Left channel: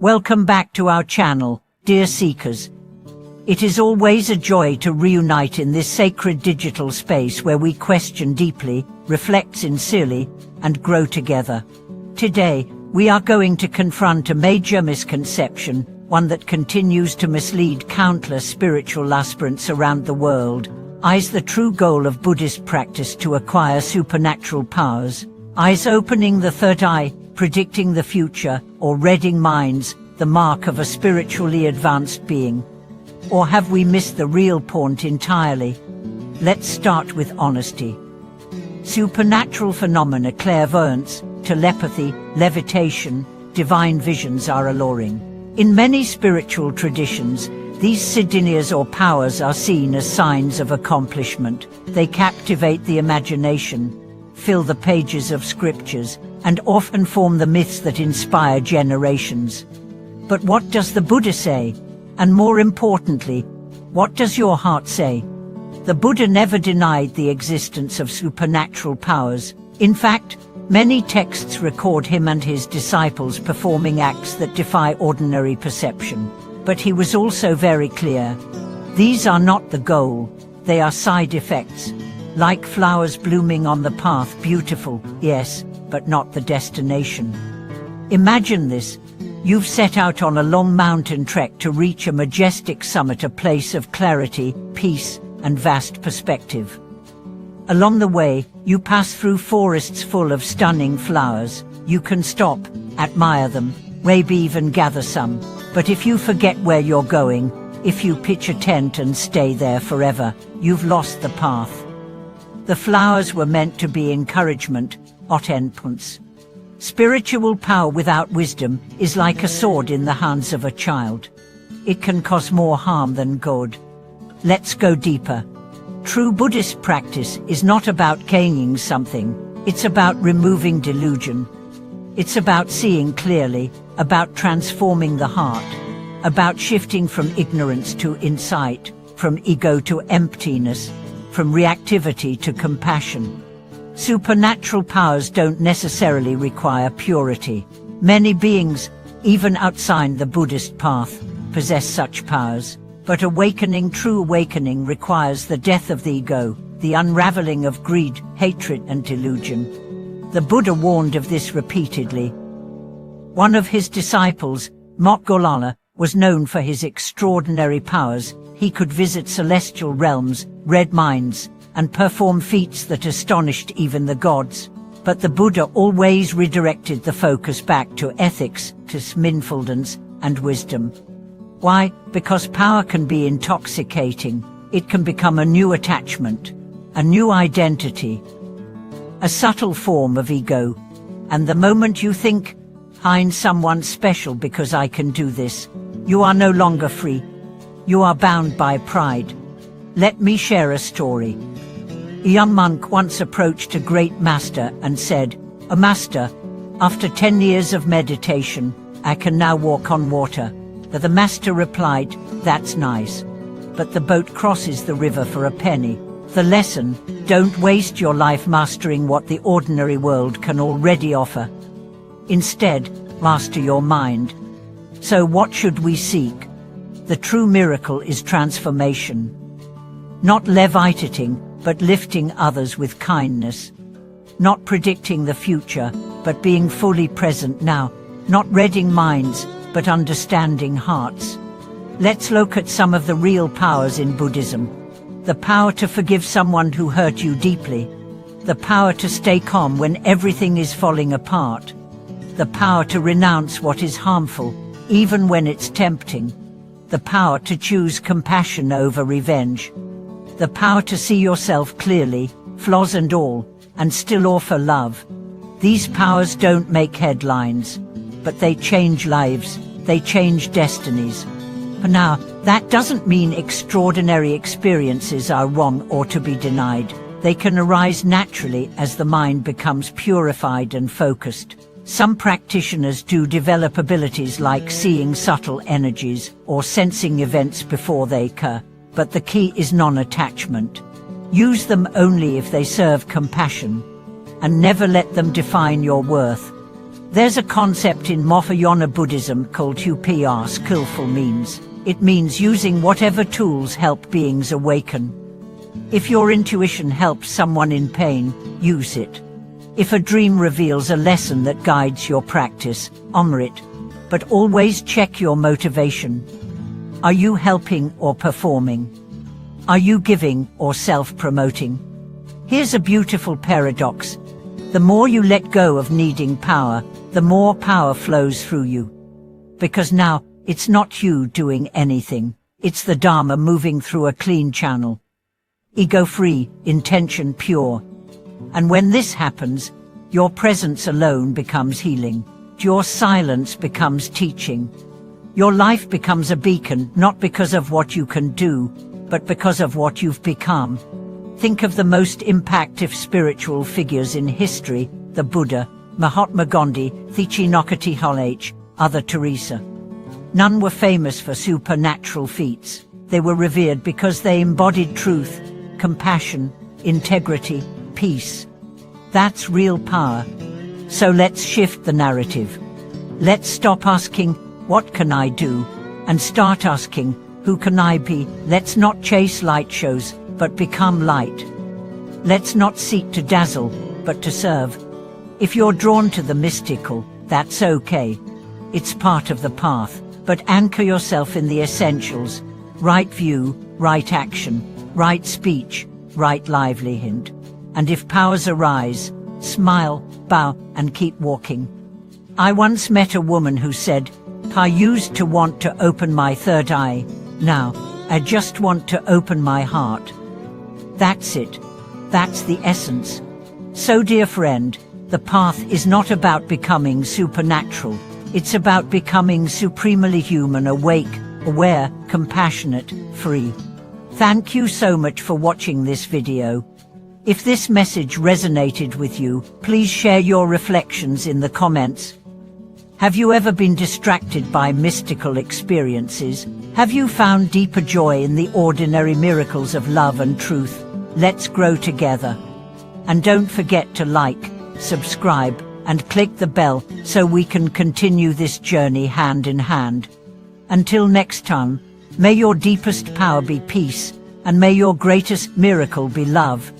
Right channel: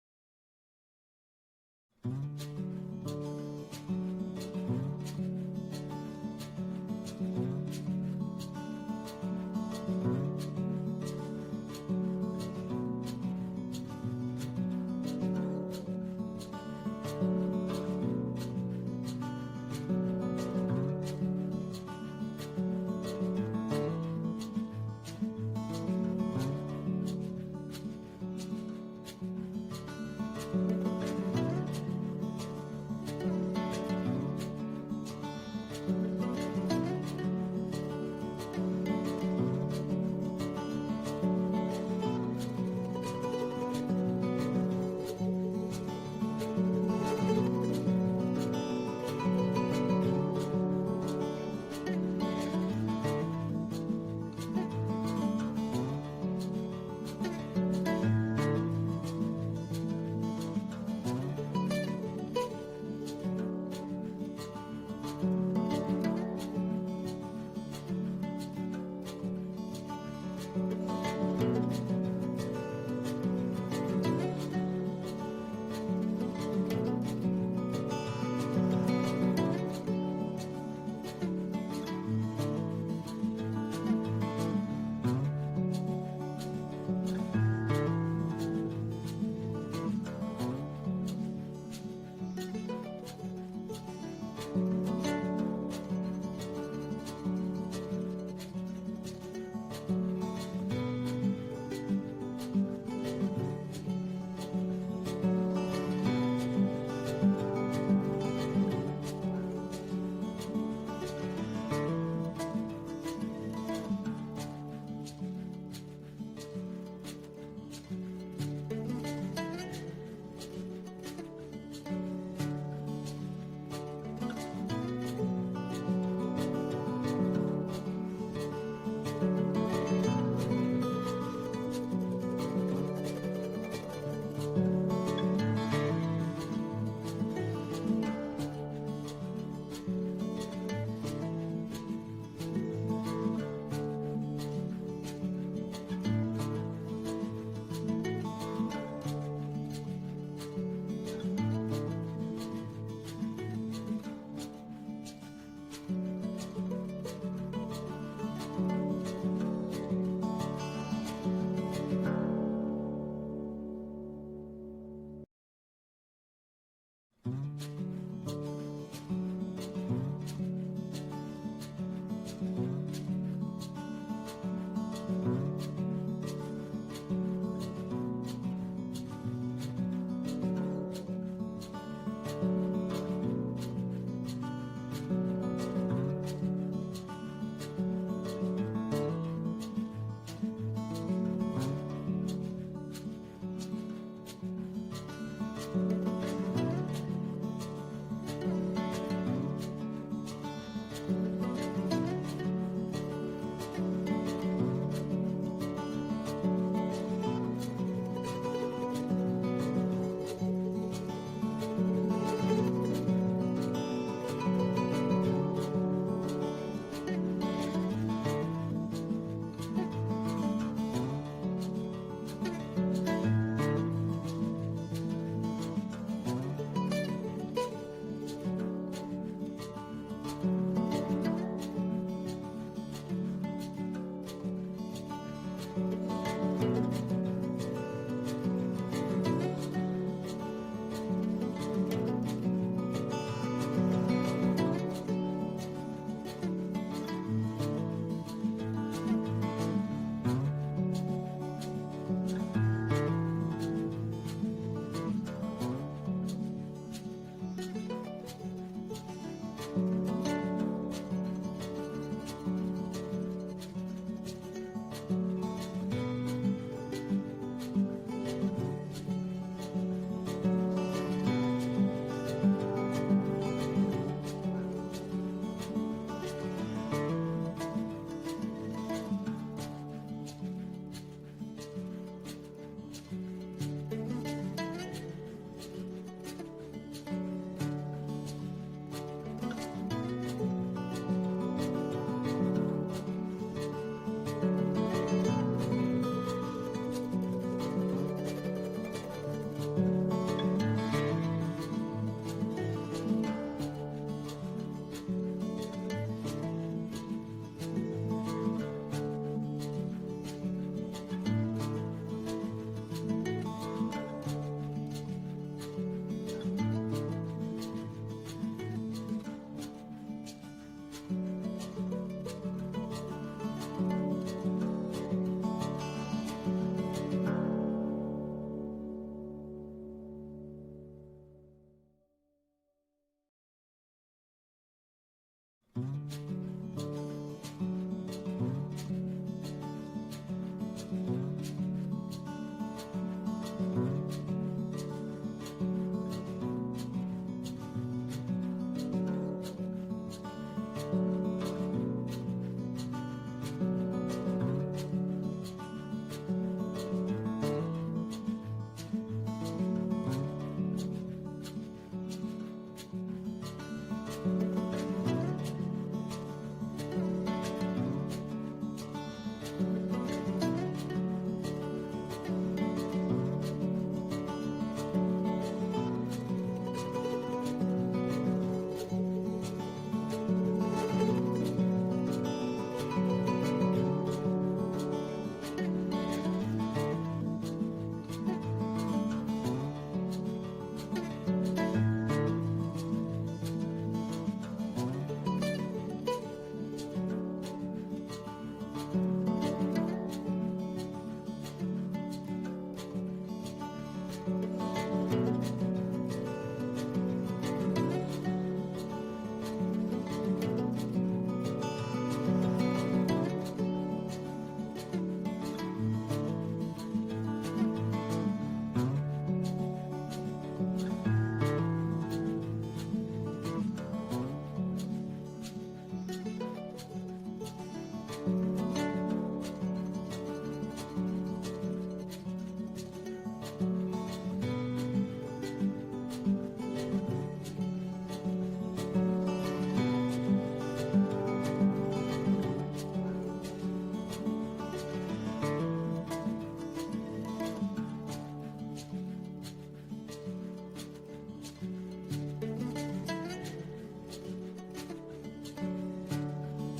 Welcome back to our channel, dear seekers. It is always a joy to reunite in this sacred digital space where we question deeply, reflect sincerely, and grow together. Today, we are going to confront a major misconception, one that continues to mislead countless spiritual aspirants around the world. Is the true goal of Buddhist practice to acquire supernatural powers? Is opening the third eye, predicting the future, or reading minds, the mark of a spiritually advanced being? Or have we missed the real point entirely? Let's start with honesty. Supernatural phenomena, clairvoyance, telepathy, levitation, divine visions are alluring. In many spiritual traditions, these siddhis or powers are seen as signs of accomplishment. They captivate the imagination, fill the pages of scriptures, and often form the myths that inspire generations. But what does the Buddha say? And more importantly, what does your heart say? The Buddha never denied the existence of supernatural powers. In fact, many texts record him and his disciples performing acts that defy ordinary perception. But he was also very clear. These are not the goal, they are side effects. Like flowers blooming on the path, beautiful, yes, but not the destination. Imagine this. You've set out on a long mountain trek to reach a majestic summit, a place of clarity, peace, and vast perspective. Along the way, you pass through forests full of stunning flowers. You can stop, admire them, maybe even gather some. But if you forget where you're going, if you pitch a tent and stay there forever, you've lost the path. The flowers were meant to be encouragement, not endpoints. Spiritual power without wisdom is like a sword in the hands of a child. It can cause more harm than good. Let's go deeper. True Buddhist practice is not about gaining something, it's about removing delusion. It's about seeing clearly, about transforming the heart, about shifting from ignorance to insight, from ego to emptiness, from reactivity to compassion. Supernatural powers don't necessarily require purity. Many beings, even outside the Buddhist path, possess such powers. But awakening, true awakening, requires the death of the ego, the unraveling of greed, hatred, and delusion. The Buddha warned of this repeatedly. One of his disciples, Moggallana, was known for his extraordinary powers. He could visit celestial realms, read minds, and perform feats that astonished even the gods. But the Buddha always redirected the focus back to ethics, to mindfulness, and wisdom. Why? Because power can be intoxicating. It can become a new attachment, a new identity, a subtle form of ego. And the moment you think, I'm someone special because I can do this, you are no longer free. You are bound by pride. Let me share a story. A young monk once approached a great master and said, "O master, after 10 years of meditation, I can now walk on water." But the master replied, "That's nice. But the boat crosses the river for a penny." The lesson: don't waste your life mastering what the ordinary world can already offer. Instead, master your mind. So what should we seek? The true miracle is transformation. Not levitating, but lifting others with kindness. Not predicting the future, but being fully present now. Not reading minds, but understanding hearts. Let's look at some of the real powers in Buddhism. The power to forgive someone who hurt you deeply. The power to stay calm when everything is falling apart. The power to renounce what is harmful, even when it's tempting. The power to choose compassion over revenge. The power to see yourself clearly, flaws and all, and still offer love. These powers don't make headlines, but they change lives, they change destinies. But now, that doesn't mean extraordinary experiences are wrong or to be denied. They can arise naturally as the mind becomes purified and focused. Some practitioners do develop abilities like seeing subtle energies or sensing events before they occur, but the key is non-attachment. Use them only if they serve compassion, and never let them define your worth. There's a concept in Mahayana Buddhism called upaya skillful means. It means using whatever tools help beings awaken. If your intuition helps someone in pain, use it. If a dream reveals a lesson that guides your practice, honor it. But always check your motivation. Are you helping or performing? Are you giving or self-promoting? Here's a beautiful paradox. The more you let go of needing power, the more power flows through you. Because now, it's not you doing anything. It's the Dharma moving through a clean channel. Ego-free, intention pure. And when this happens, your presence alone becomes healing. Your silence becomes teaching. Your life becomes a beacon, not because of what you can do, but because of what you've become. Think of the most impactful spiritual figures in history: the Buddha, Mahatma Gandhi, Thich Nhat Hanh, Mother Teresa. None were famous for supernatural feats. They were revered because they embodied truth, compassion, integrity, peace. That's real power. So let's shift the narrative. Let's stop asking, what can I do? And start asking, who can I be? Let's not chase light shows, but become light. Let's not seek to dazzle, but to serve. If you're drawn to the mystical, that's okay. It's part of the path, but anchor yourself in the essentials: right view, right action, right speech, right livelihood. And if powers arise, smile, bow, and keep walking. I once met a woman who said, I used to want to open my third eye. Now, I just want to open my heart. That's it. That's the essence. So, dear friend, the path is not about becoming supernatural. It's about becoming supremely human, awake, aware, compassionate, free. Thank you so much for watching this video. If this message resonated with you, please share your reflections in the comments. Have you ever been distracted by mystical experiences? Have you found deeper joy in the ordinary miracles of love and truth? Let's grow together. And don't forget to like, subscribe, and click the bell so we can continue this journey hand in hand. Until next time, may your deepest power be peace, and may your greatest miracle be love.